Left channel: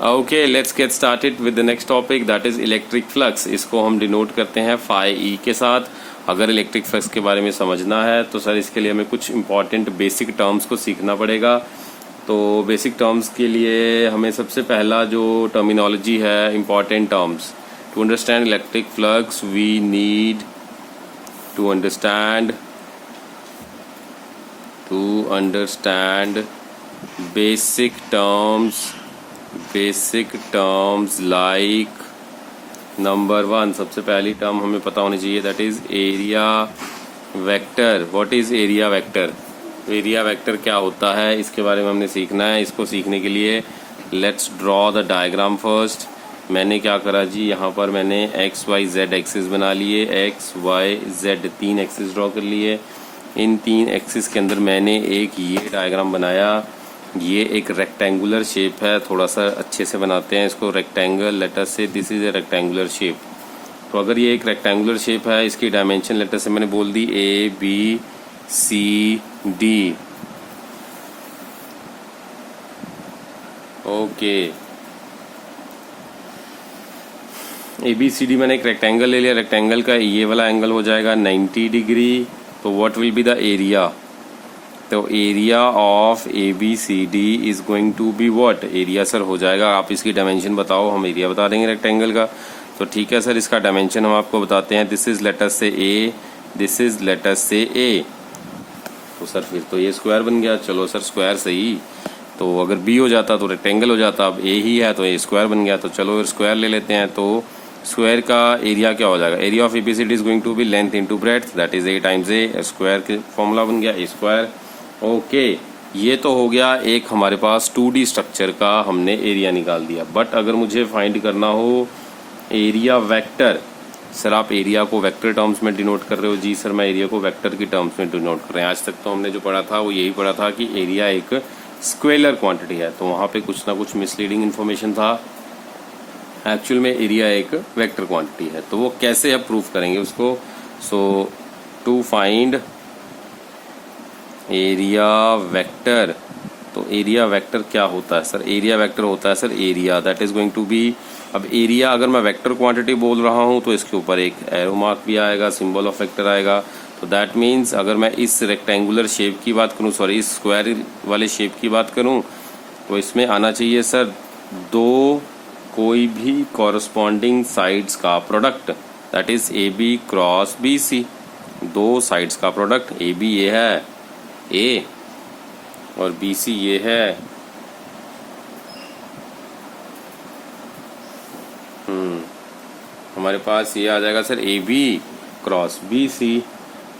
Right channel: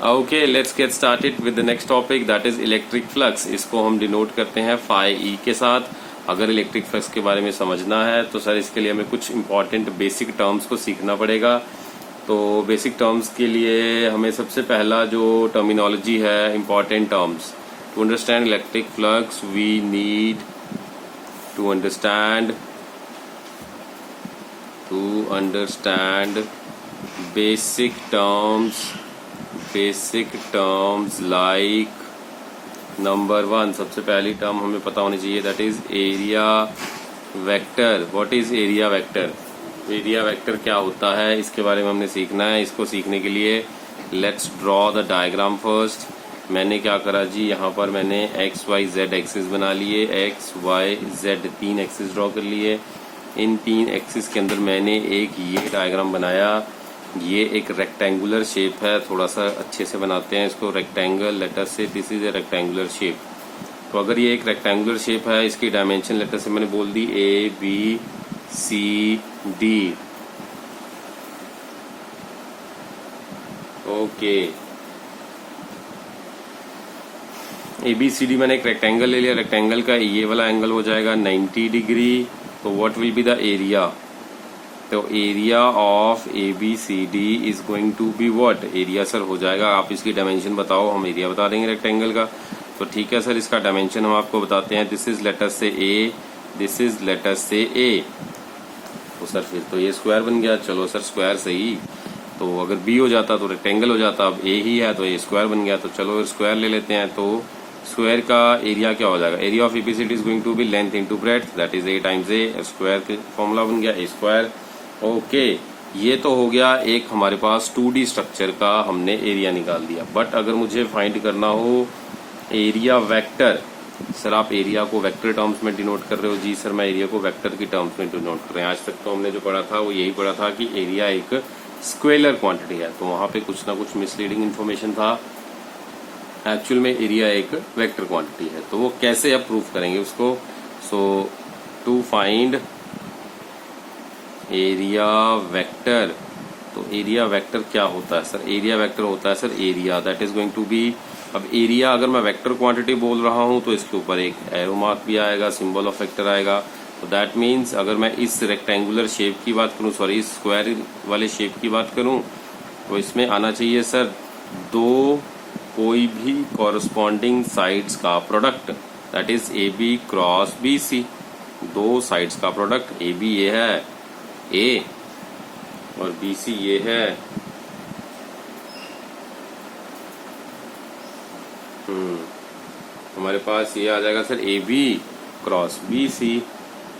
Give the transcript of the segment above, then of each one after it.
Okay, let's get started with the next topic, that is electric flux. इसको हम denote करते हैं phi E के साथ। अगर इलेक्ट्रिक फ्लक्स के बारे में समझना है तो सर इसके लिए हमें कुछ इंपॉर्टेंट बेसिक टर्म्स को सीखना पड़ेगा। तो बेसिक टर्म्स के लिए हमें सबसे पहला जो टर्मिनोलॉजी है, important terms, to understand electric flux we need to understand basic terms like number 1, सबसे पहली टर्म हमें पता होनी चाहिए, that is area vector. What is area vector? Area vector क्या होता है, इसके बारे में हमने सीखना है। इसको सीखने के लिए let's draw the diagram first. मैंने क्या करा जी, यहाँ पर मैंने एक्स वाई जेड एक्सिस बना लिए, X Y Z 3 axis draw कर लिए। इन 3 एक्सिस के अंदर मैंने एक ये डायग्राम बनाया। ये एक रेक्टेंगुलर शेप है, थोड़ा सा अच्छे से बनाते हैं इसको। रेक्टेंगल, लेटर से this is a rectangular shape. तो अगर ये एक रेक्टेंगुलर शेप है, इसकी डायमेंशन लेटर से मैंने बोल दी A B C D. Okay, A B C D मैंने एक रेक्टेंगल ले लिया। रेक्टेंगल का ये वाला एंगल हो जाएगा 90 डिग्री। तो what will be the area? तो area of A B C D is going to be what? Area sir हो जाएगा, आप इसकी डायमेंशन बताओ, हम एरिया बता देंगे रेक्टेंगल का। तो ठीक है सर, इसका डायमेंशन हम आपको बताते हैं। दिस इज लेटर से ए, दिस इज लेटर से ए। तो सर फिर तो ये स्क्वायर बन गया। चलो सर स्क्वायर सही, तो अगर बी हो जाता तो रेक्टेंगल हो जाता, अब ए ही है तो ए स्क्वायर बन गया। तो चलो स्क्वायर ले लेते हैं। तो स्क्वायर का एरिया क्या हो जाएगा? Area of ABCD is going to be length into breadth, that is A times A. Square का फॉर्मूला बन गया ए स्क्वायर। ओके, ये तो हो गया एक हमारे पास 2D स्ट्रक्चर का हमने एरिया निकाल दिया। बट अगर मुझे फाइंड करना हो एरिया वेक्टर, सर आप एरिया को वेक्टर टर्म्स में डिनोट कर रहे हो? जी सर, मैं एरिया को वेक्टर की टर्म्स में डिनोट कर रहे हैं। आज तक तो हमने जो पढ़ा था वो यही पढ़ा था कि एरिया एक स्केलर क्वांटिटी है, तो वहां पे कुछ ना कुछ मिसलीडिंग इन्फॉर्मेशन था। एक्चुअल में एरिया एक वेक्टर क्वांटिटी है। तो वो कैसे अब प्रूफ करेंगे उसको? So to find area vector, तो एरिया वेक्टर क्या होता है सर? एरिया वेक्टर होता है sir area that is going to be, अब एरिया अगर मैं वेक्टर क्वांटिटी बोल रहा हूं तो इसके ऊपर एक एरो मार्क भी आएगा, सिंबल ऑफ वेक्टर आएगा। तो दैट मीन्स अगर मैं इस रेक्टेंगुलर शेप की बात करूं, सॉरी इस स्क्वायर वाले शेप की बात करूं, तो इसमें आना चाहिए सर दो कोई भी कॉरस्पॉन्डिंग साइड्स का product, that is A B cross B C. दो साइड्स का प्रोडक्ट, ए बी ये है ए और बी सी ये है। हमारे पास ये आ जाएगा sir A B cross B C,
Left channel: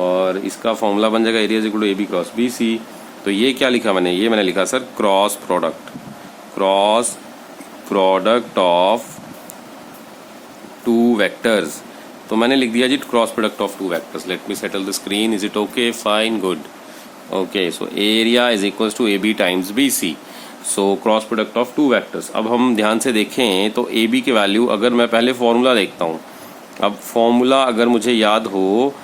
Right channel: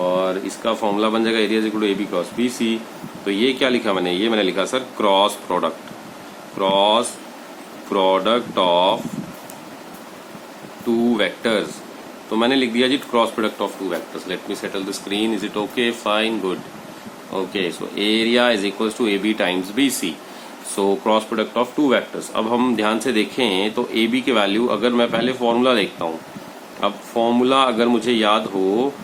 और इसका फॉर्मूला बन जाएगा area is equal to A B cross B C. तो ये क्या लिखा मैंने? ये मैंने लिखा sir cross product of two vectors. तो मैंने लिख दिया जी cross product of two vectors. Let me settle the screen. Is it okay? Fine, good. Okay, so area is equals to A B times B C, so cross product of two vectors. अब हम ध्यान से देखें तो A B की value, अगर मैं पहले फॉर्मूला देखता हूं, अब फॉर्मूला अगर मुझे याद हो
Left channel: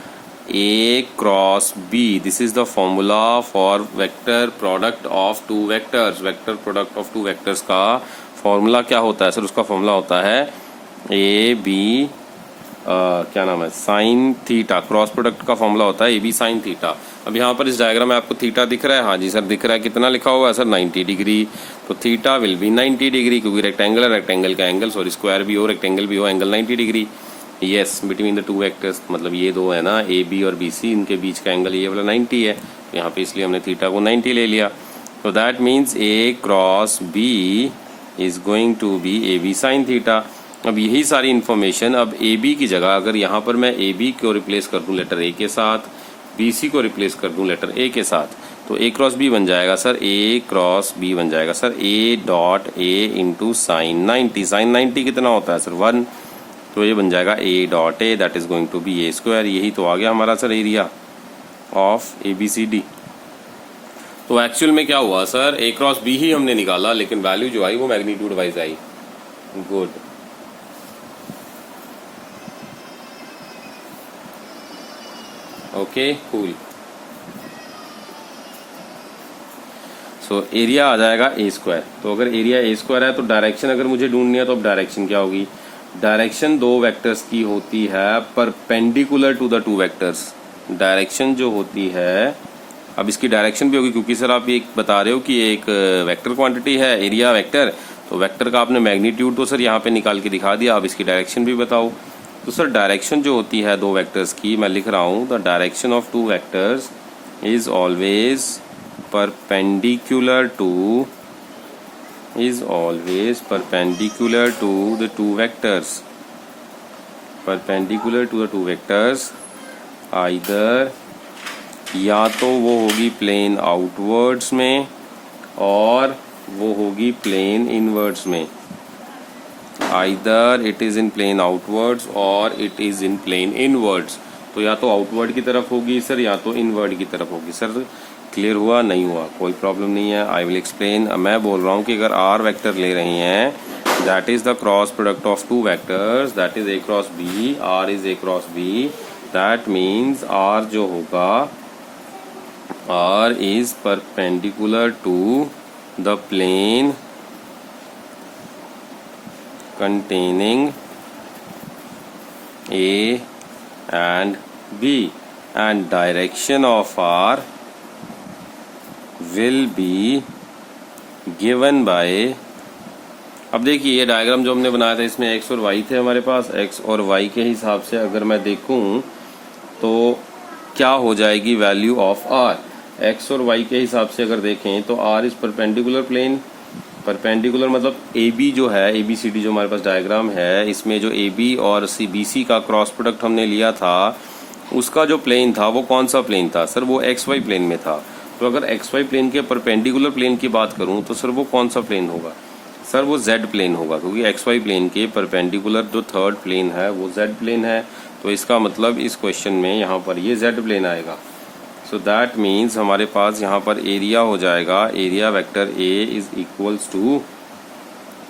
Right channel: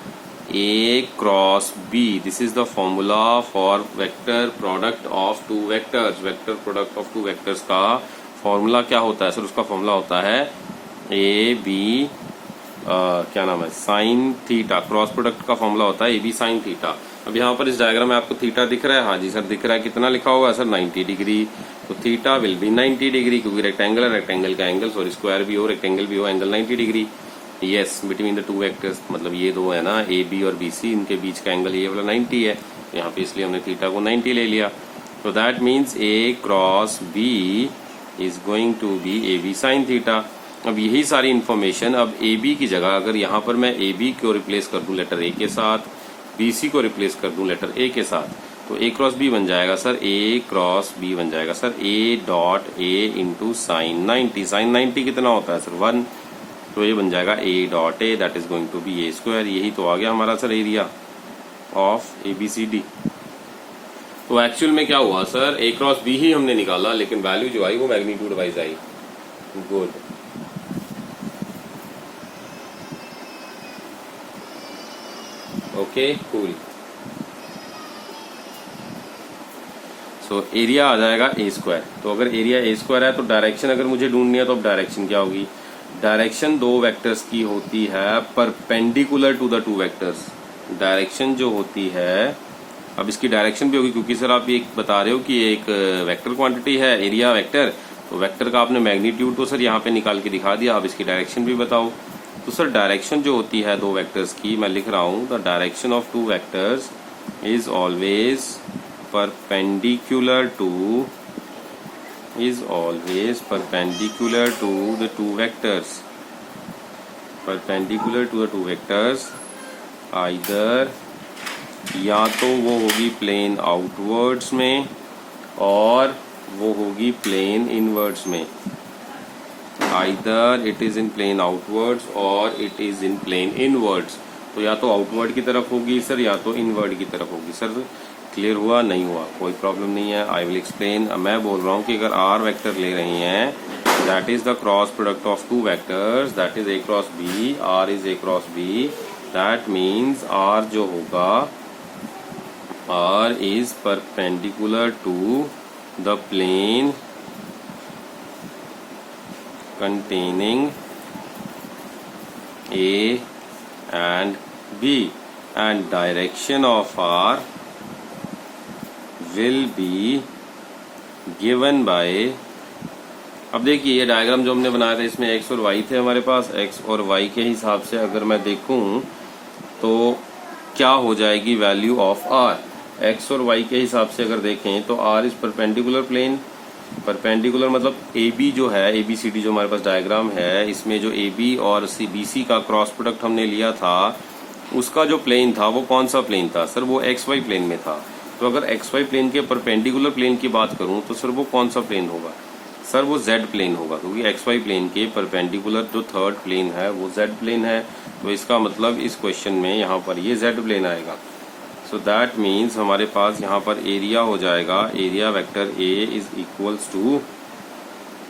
A cross B, this is the formula for vector product of two vectors. Vector product of two vectors का फॉर्मूला क्या होता है सर? उसका फॉर्मूला होता है ए बी क्या नाम है, साइन थीटा। क्रॉस प्रोडक्ट का फॉर्मूला होता है ए बी साइन थीटा। अब यहाँ पर इस डायग्राम में आपको थीटा दिख रहा है? हाँ जी सर दिख रहा है। कितना लिखा हुआ है सर? 90 डिग्री। तो थीटा विल बी 90 डिग्री, क्योंकि रेक्टेंगल है, रेक्टेंगल का एंगल, सॉरी स्क्वायर भी हो रेक्टेंगल भी हो, angle 90 degree. Yes, between the two vectors, मतलब ये दो है ना ए बी और बी सी, इनके बीच का एंगल ये वाला 90 है। यहाँ पे इसलिए हमने थीटा को 90 ले लिया। तो that means A cross B is going to be A B sine theta. अब यही सारी इन्फॉर्मेशन, अब ए बी की जगह अगर यहाँ पर मैं ए बी को रिप्लेस कर दूं लेटर ए के साथ, बी सी को रिप्लेस कर दूं लेटर ए के साथ, तो ए क्रॉस बी बन जाएगा सर, ए क्रॉस बी बन जाएगा sir A dot A into sine 90। Sine 90 कितना होता है सर? 1। तो ये बन जाएगा A dot A, that is going to be A square. यही तो आ गया हमारा sir area of A B C D. तो एक्चुअल में क्या हुआ सर, ए क्रॉस बी ही हमने निकाला, लेकिन वैल्यू जो आई वो मैग्नीट्यूड वाइज आई। Good. Okay, cool. So area आ जाएगा ए स्क्वायर। तो अगर एरिया ए स्क्वायर है तो डायरेक्शन अगर मुझे ढूंढनी है तो अब डायरेक्शन क्या होगी? डायरेक्शन दो वेक्टर्स की होती है perpendicular to the two vectors. Direction जो होती है, अब इसकी डायरेक्शन भी होगी क्योंकि सर आप ये बता रहे हो कि एक वेक्टर क्वांटिटी है एरिया वेक्टर, तो वेक्टर का आपने मैग्नीट्यूड तो सर यहाँ पे निकाल के दिखा दिया, अब इसकी डायरेक्शन भी बताओ। तो सर डायरेक्शन जो होती है दो वेक्टर्स की, मैं लिख रहा हूँ the direction of two vectors is always perpendicular to the two vectors, perpendicular to the two vectors either, या तो वो होगी प्लेन आउटवर्ड्स में और वो होगी प्लेन इनवर्ड्स में। Either it is in plane outwards और it is in plane inwards. तो या तो आउटवर्ड की तरफ होगी सर या तो इनवर्ड की तरफ होगी। सर क्लियर हुआ? नहीं हुआ? कोई प्रॉब्लम नहीं है, आई विल एक्सप्लेन। मैं बोल रहा हूँ कि अगर आर वेक्टर ले रही हैं, that is the cross product of two vectors, that is A cross B, R is A cross B, that means R जो होगा, R is perpendicular to the plane containing A and B, and direction of R will be given by, अब देखिए ये diagram जो हमने बनाया था इसमें x और y थे हमारे पास, x और y के हिसाब से अगर मैं देखूं तो क्या हो जाएगी वैल्यू ऑफ r। x और y के हिसाब से अगर देखें तो r is perpendicular plane, perpendicular मतलब AB जो है, ABCD जो हमारे पास डायग्राम है, इसमें जो AB और CBC का क्रॉस प्रोडक्ट हमने लिया था उसका जो प्लेन था वो कौन सा प्लेन था? सर वो XY प्लेन में था। तो अगर XY प्लेन के परपेंडिकुलर प्लेन की बात करूं तो सर वो कौन सा प्लेन होगा? सर वो Z प्लेन होगा, क्योंकि XY प्लेन के परपेंडिकुलर जो थर्ड प्लेन है वो Z प्लेन है। तो इसका मतलब इस क्वेश्चन में यहाँ पर ये Z प्लेन आएगा। सो दैट मीन्स हमारे पास यहाँ पर एरिया हो जाएगा, area vector A is equals to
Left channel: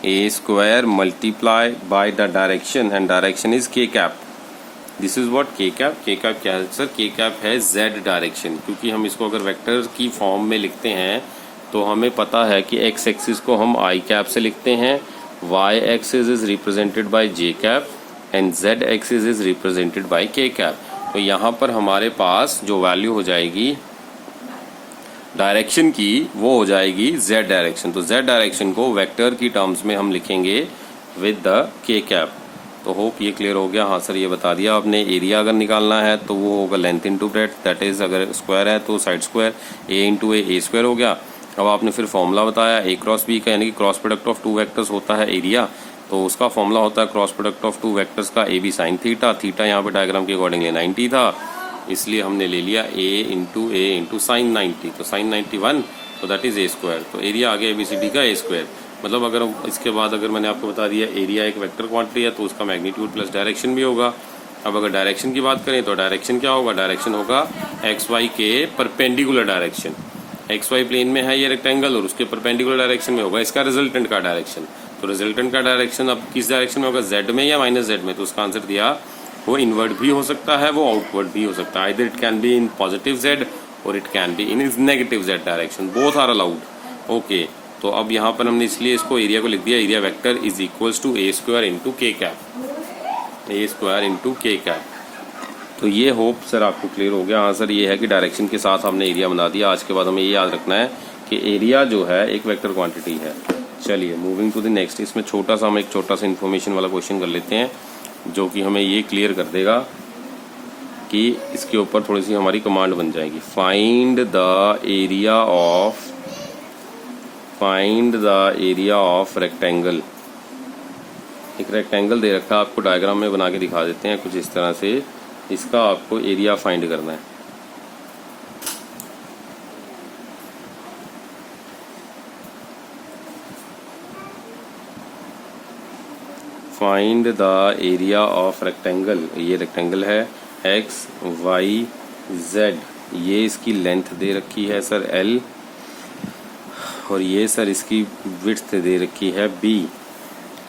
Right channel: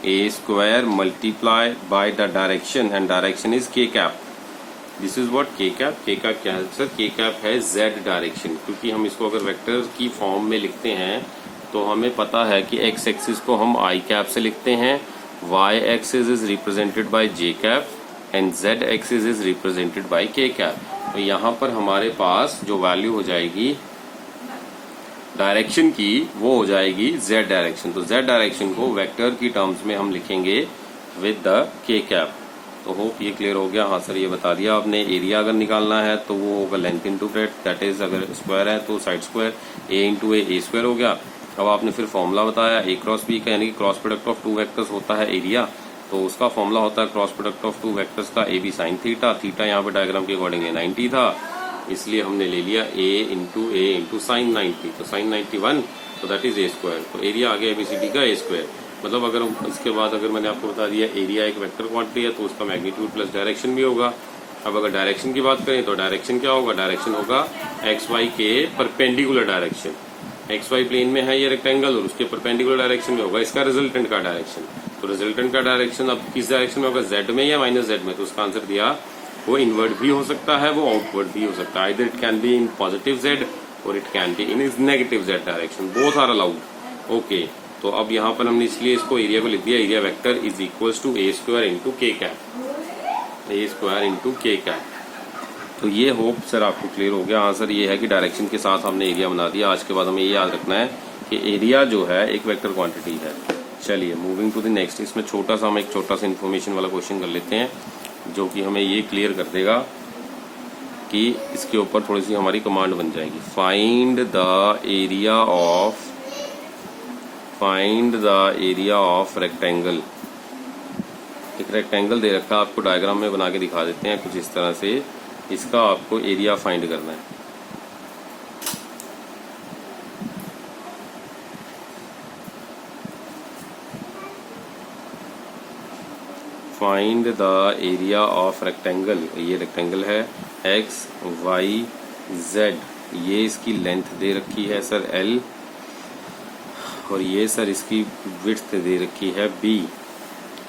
A square multiply by the direction, and direction is K cap. This is what K cap. K cap क्या है सर? के cap है Z डायरेक्शन, क्योंकि हम इसको अगर वेक्टर की फॉर्म में लिखते हैं तो हमें पता है कि x एक्सिस को हम I कैप से लिखते हैं, y axis is represented by J cap and Z axis is represented by K cap. तो यहाँ पर हमारे पास जो वैल्यू हो जाएगी डायरेक्शन की वो हो जाएगी Z डायरेक्शन। तो Z डायरेक्शन को वेक्टर की टर्म्स में हम लिखेंगे विद द K कैप। तो होप ये क्लियर हो गया। हाँ सर ये बता दिया आपने। एरिया अगर निकालना है तो वो होगा length into breadth, that is अगर स्क्वायर है तो side square, a into A square हो गया। अब आपने फिर फॉर्मूला बताया A क्रॉस B का, यानी कि cross product of two vectors होता है एरिया, तो उसका फॉर्मूला होता है cross product of two vectors का AB साइन थीटा। थीटा यहाँ पे डायग्राम के अकॉर्डिंगली 90 था, इसलिए हमने ले लिया A इंटू साइन 90, तो साइन 91, तो दैट इज ए स्क्वायर। तो एरिया आ गया ABCD का ए स्क्वायर। मतलब अगर इसके बाद अगर मैंने आपको बता दिया एरिया एक वेक्टर क्वांटिटी है तो उसका मैग्नीट्यूड प्लस डायरेक्शन भी होगा। अब अगर डायरेक्शन की बात करें तो डायरेक्शन क्या होगा? डायरेक्शन होगा XY के परपेंडिकुलर डायरेक्शन। XY प्लेन में है ये रेक्टेंगल और उसके परपेंडिकुलर डायरेक्शन में होगा इसका रिजल्टेंट का डायरेक्शन। तो रिजल्टेंट का डायरेक्शन अब किस डायरेक्शन में होगा? Z में या माइनस Z में? तो उसका आंसर दिया वो इनवर्ड भी हो सकता है, वो आउटवर्ड भी हो सकता है। Either it can be in positive Z और it can be in negative Z direction, both are allowed. Okay, तो अब यहाँ पर हमने इसलिए इसको एरिया को लिख दिया, area vector is equals to A square into K cap, A square into K cap. तो ये होप सर आपको क्लियर हो गया। हाँ सर ये है कि डायरेक्शन के साथ हमने एरिया बना दिया। आज के बाद हमें ये याद रखना है कि एरिया जो है एक वेक्टर क्वांटिटी है। चलिए मूविंग टू द नेक्स्ट। इसमें छोटा सा हम एक छोटा सा इन्फॉर्मेशन वाला क्वेश्चन कर लेते हैं जो कि हमें ये क्लियर कर देगा कि इसके ऊपर थोड़ी सी हमारी कमांड बन जाएगी। Find the area of rectangle. एक रेक्टेंगल दे रखा है आपको, डायग्राम में बना के दिखा देते हैं कुछ इस तरह से। इसका आपको एरिया फाइंड करना है। Find the area of rectangle. ये रेक्टेंगल है एक्स वाई जेड, ये इसकी लेंथ दे रखी है सर L, और ये सर इसकी विड्थ दे रखी है B।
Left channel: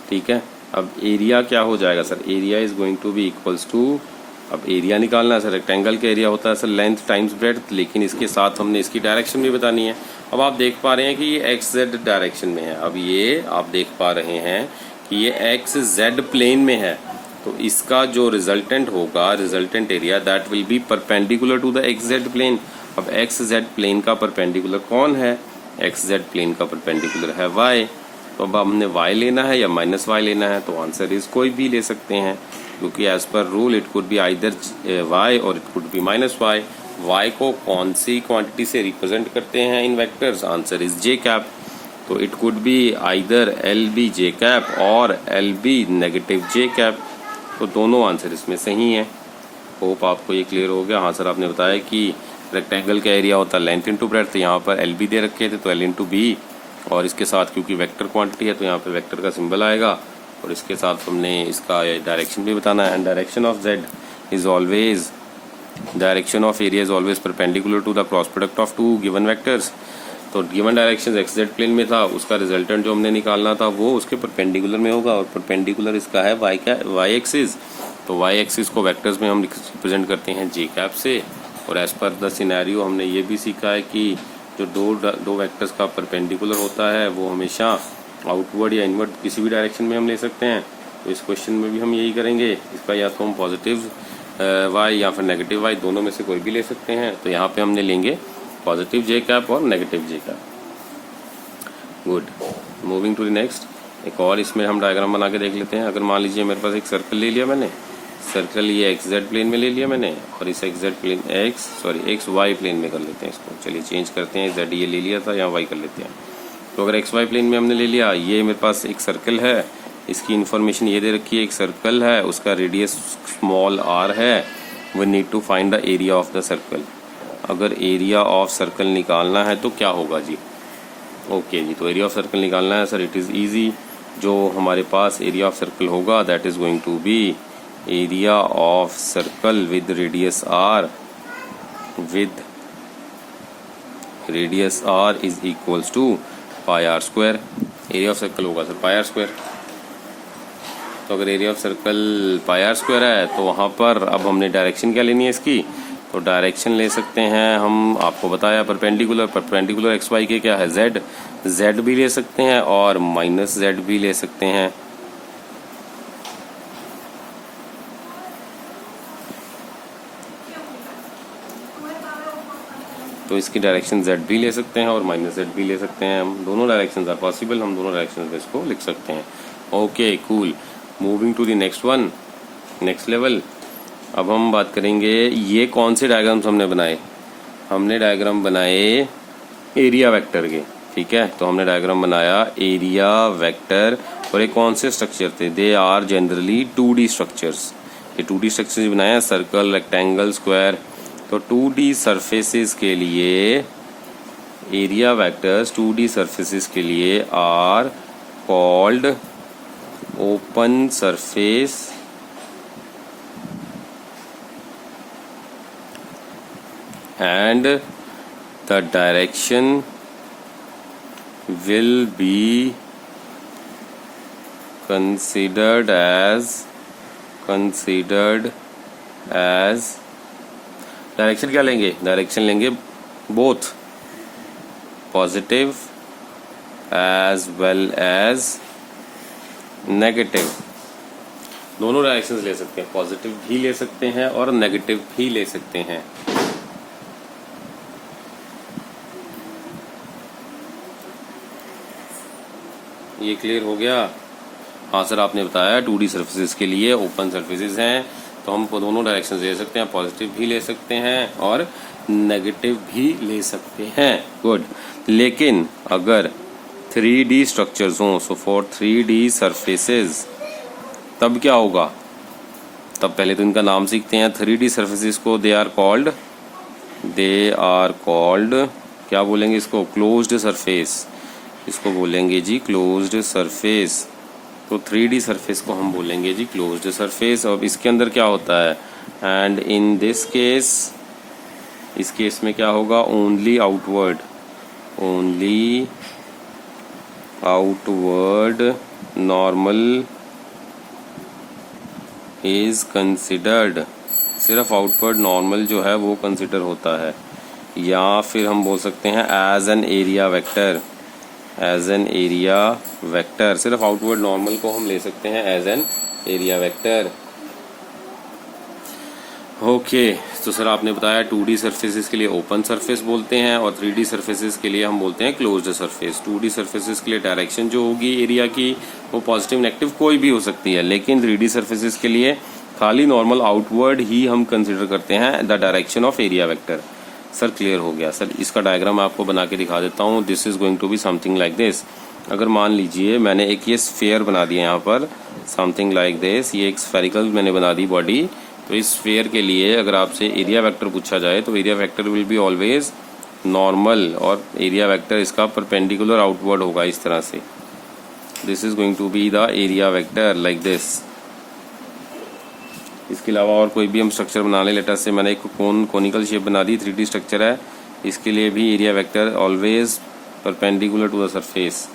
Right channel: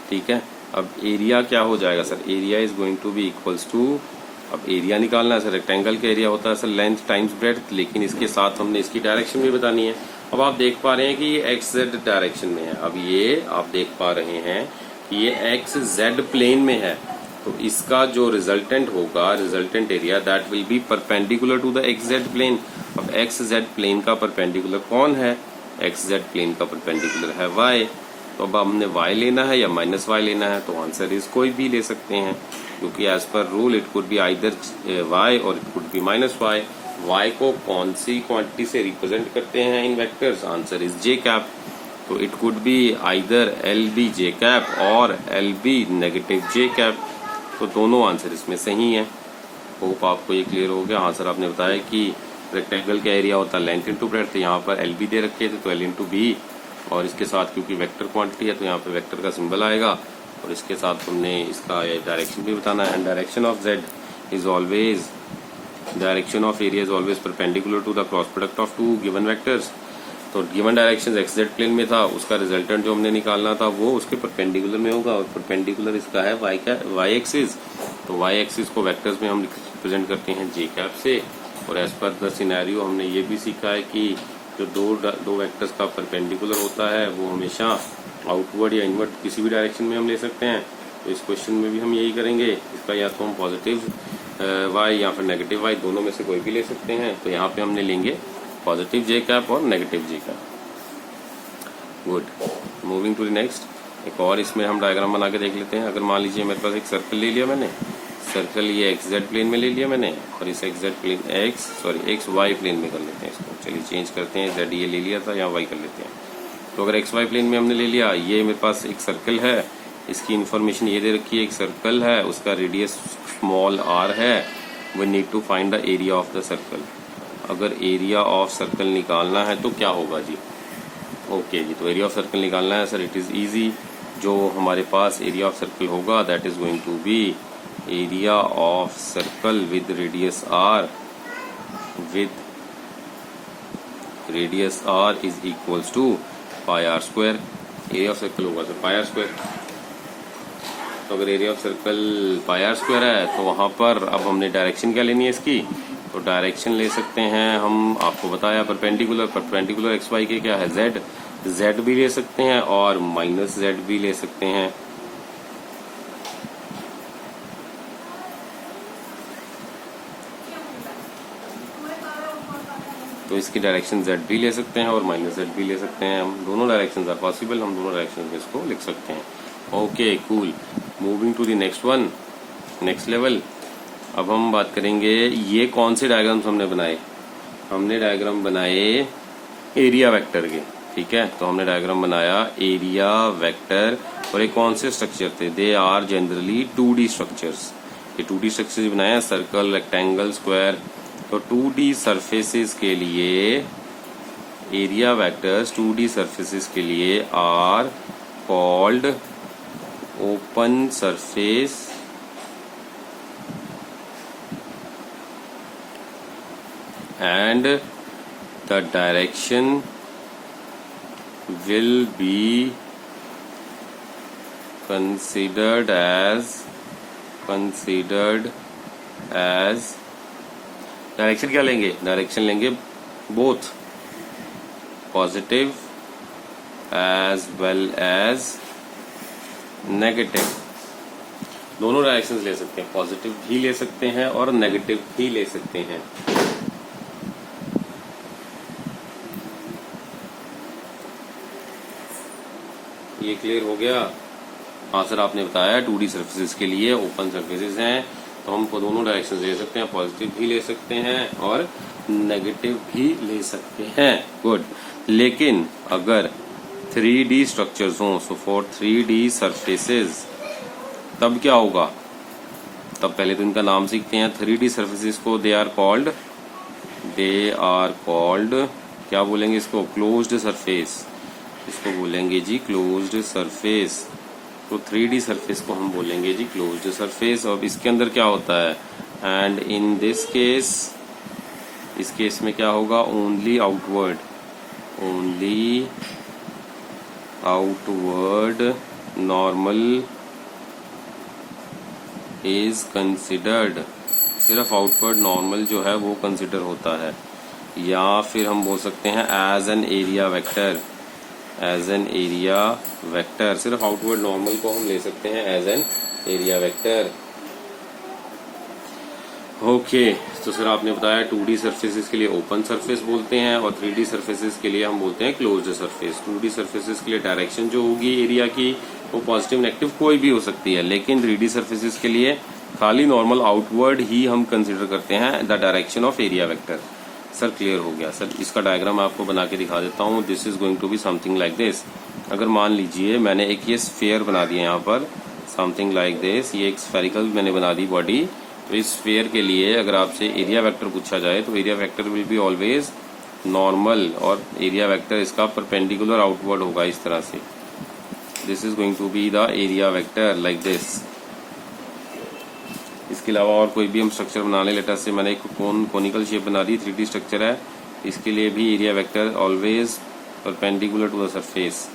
ठीक है, अब एरिया क्या हो जाएगा sir? Area is going to be equals to, अब एरिया निकालना है सर, रेक्टेंगल का एरिया होता है सर लेंथ टाइम्स ब्रेड्थ, लेकिन इसके साथ हमने इसकी डायरेक्शन भी बतानी है। अब आप देख पा रहे हैं कि ये एक्स जेड डायरेक्शन में है। अब ये आप देख पा रहे हैं कि ये एक्स जेड प्लेन में है, तो इसका जो रिजल्टेंट होगा, resultant area, that will be perpendicular to the X Z plane. अब एक्स जेड प्लेन का परपेंडिकुलर कौन है? एक्स जेड प्लेन का परपेंडिकुलर है वाई। तो अब हमने वाई लेना है या माइनस वाई लेना है, तो आंसर इज कोई भी ले सकते हैं, क्योंकि as per rule it could be either Y और it could be minus Y. Y को कौन सी क्वांटिटी से रिप्रेजेंट करते हैं in vectors? Answer is J cap. तो it could be either L B J cap और L B negative J cap. तो दोनों आंसर इसमें सही हैं। होप आपको ये क्लियर हो गया। हाँ सर, आपने बताया कि रेक्टेंगल का एरिया होता है लेंथ इंटू ब्रेड्थ, तो यहाँ पर एल बी दे रखे थे तो एल इंटू बी, और इसके साथ क्योंकि वेक्टर क्वांटिटी है तो यहाँ पे वेक्टर का सिंबल आएगा, और इसके साथ हमने इसका डायरेक्शन भी बताना है। And direction of z is always, direction of area is always perpendicular to the cross product of two given vectors. तो given direction x Z plane में था, उसका रिजल्टेंट जो हमने निकालना था वो उसके परपेंडिकुलर में होगा, और परपेंडिकुलर इसका है वाई एक्सिस। तो वाई एक्सिस को वेक्टर्स में हम रिप्रेजेंट करते हैं जे कैप से। और एज पर द सिनेरियो हमने ये भी सीखा है कि जो दो वेक्टर्स का परपेंडिकुलर होता है वो हमेशा आउटवर्ड या इनवर्ड किसी भी डायरेक्शन में हम ले सकते हैं। तो इस क्वेश्चन में भी हम यही करेंगे। इसका या तो हम पॉजिटिव वाई या फिर नेगेटिव वाई, दोनों में से कोई भी ले सकते हैं। तो यहाँ पे हमने लेंगे पॉजिटिव जे कैप और negative J cap. Good, moving to the next. एक और इसमें हम डायग्राम बना के देख लेते हैं। अगर मान लीजिए मेरे पास एक सर्कल ले लिया मैंने, सर्कल ये एक्स जेड प्लेन में ले लिया मैंने, और इस एक्स वाई प्लेन में कर लेते हैं इसको। चलिए चेंज करते हैं, जेड ये ले लिया था, यहाँ वाई कर लेते हैं। तो अगर एक्स वाई प्लेन में हमने ले लिया, ये मेरे पास एक सर्कल है, इसकी इन्फॉर्मेशन ये दे रखी है, एक सर्कल है, उसका रेडियस स्मॉल आर है। We need to find the area of the circle. अगर एरिया ऑफ सर्कल निकालना है तो क्या होगा जी? ओके जी, तो एरिया ऑफ सर्कल निकालना है सर, इट इज इजी। जो हमारे पास एरिया ऑफ सर्कल होगा that is going to be area of circle with radius R is equals to pi R square. Area of circle होगा sir pi R square. तो अगर area of circle pi R square है तो वहां पर अब हमने डायरेक्शन क्या लेनी है इसकी? तो डायरेक्शन ले सकते हैं हम, आपको बताया परपेंडिकुलर एक्स वाई के क्या है? जेड भी ले सकते हैं और माइनस जेड भी ले सकते हैं। तो इसकी डायरेक्शन जेड भी ले सकते हैं और माइनस जेड भी ले सकते हैं। हम दोनों डायरेक्शंस आर पॉसिबल, हम दोनों डायरेक्शंस में इसको लिख सकते हैं। Okay cool, moving to the next one, next level. अब हम बात करेंगे ये कौन से डायग्राम्स हमने बनाए? हमने डायग्राम बनाए एरिया वेक्टर के, ठीक है। तो हमने डायग्राम बनाया एरिया वेक्टर, और ये कौन से स्ट्रक्चर थे? They are generally 2D structures. ये 2D स्ट्रक्चर्स बनाए हैं, सर्कल, रेक्टेंगल, स्क्वायर। तो 2D सरफेसेस के लिए एरिया वेक्टर्स 2D सरफेसेस के लिए are called open surface and the direction will be considered as direction क्या लेंगे? डायरेक्शन लेंगे both positive as well as negative. दोनों डायरेक्शंस ले सकते हैं, पॉजिटिव भी ले सकते हैं और नेगेटिव भी ले सकते हैं। ये क्लियर हो गया? हाँ सर, आपने बताया 2D सर्फेसेस के लिए ओपन सर्फेसेस हैं, तो हम दोनों डायरेक्शन ले सकते हैं, पॉजिटिव भी ले सकते हैं और नेगेटिव भी ले सकते हैं। गुड। लेकिन अगर 3D स्ट्रक्चर्स हों, सो फॉर 3D सर्फेसेस तब क्या होगा? तब पहले तो इनका नाम सीखते हैं। 3D सर्फेसेस को दे आर कॉल्ड क्या बोलेंगे इसको? Closed surface. इसको बोलेंगे जी क्लोज्ड सरफेस। तो 3D सरफेस को हम बोलेंगे जी क्लोज्ड सरफेस। अब इसके अंदर क्या होता है? एंड इन दिस केस, इस केस में क्या होगा? Only outward normal is considered. सिर्फ आउटवर्ड नॉर्मल जो है वो कंसिडर होता है। या फिर हम बोल सकते हैं as an area vector, as an area vector. सिर्फ आउटवर्ड नॉर्मल को हम ले सकते हैं एज एन एरिया वेक्टर। ओके, तो सर आपने बताया 2D सर्फेसिस के लिए ओपन सरफेस बोलते हैं और 3D सर्फेसिस के लिए हम बोलते हैं क्लोज्ड सरफेस। 2D सर्फेसिस के लिए डायरेक्शन जो होगी एरिया की वो पॉजिटिव नेगेटिव कोई भी हो सकती है, लेकिन 3D सर्फेसिस के लिए खाली नॉर्मल आउटवर्ड ही हम कंसिडर करते हैं the direction of area vector. Sir clear हो गया। सर इसका डायग्राम आपको बना के दिखा देता हूँ। This is going to be something like this. अगर मान लीजिए मैंने एक ये स्फेयर बना दिया यहाँ पर, समथिंग लाइक दिस, ये एक स्फेरिकल मैंने बना दी बॉडी। तो इस स्फेयर के लिए अगर आपसे एरिया वेक्टर पूछा जाए तो area vector will be always normal, और एरिया वेक्टर इसका परपेंडिकुलर आउटवर्ड होगा इस तरह से। This is going to be the area vector like this. इसके अलावा और कोई भी हम स्ट्रक्चर बना लें, लेटर से मैंने एक कोनिकल शेप बना दी, 3D स्ट्रक्चर है, इसके लिए भी area vector always perpendicular to the surface.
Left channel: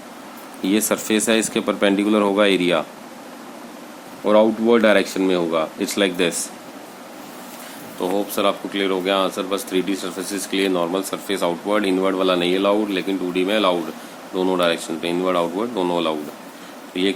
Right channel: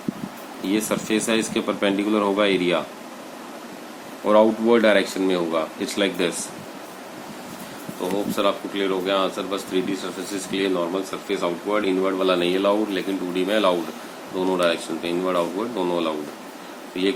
ये सरफेस है, इसके परपेंडिकुलर होगा एरिया और आउटवर्ड डायरेक्शन में होगा। It's like this. तो होप सर आपको क्लियर हो गया आंसर। बस 3D सर्फेसिस के लिए नॉर्मल सरफेस आउटवर्ड, इनवर्ड वाला नहीं अलाउड, लेकिन 2D में अलाउड, दोनों डायरेक्शन पे इनवर्ड आउटवर्ड दोनों अलाउड। तो ये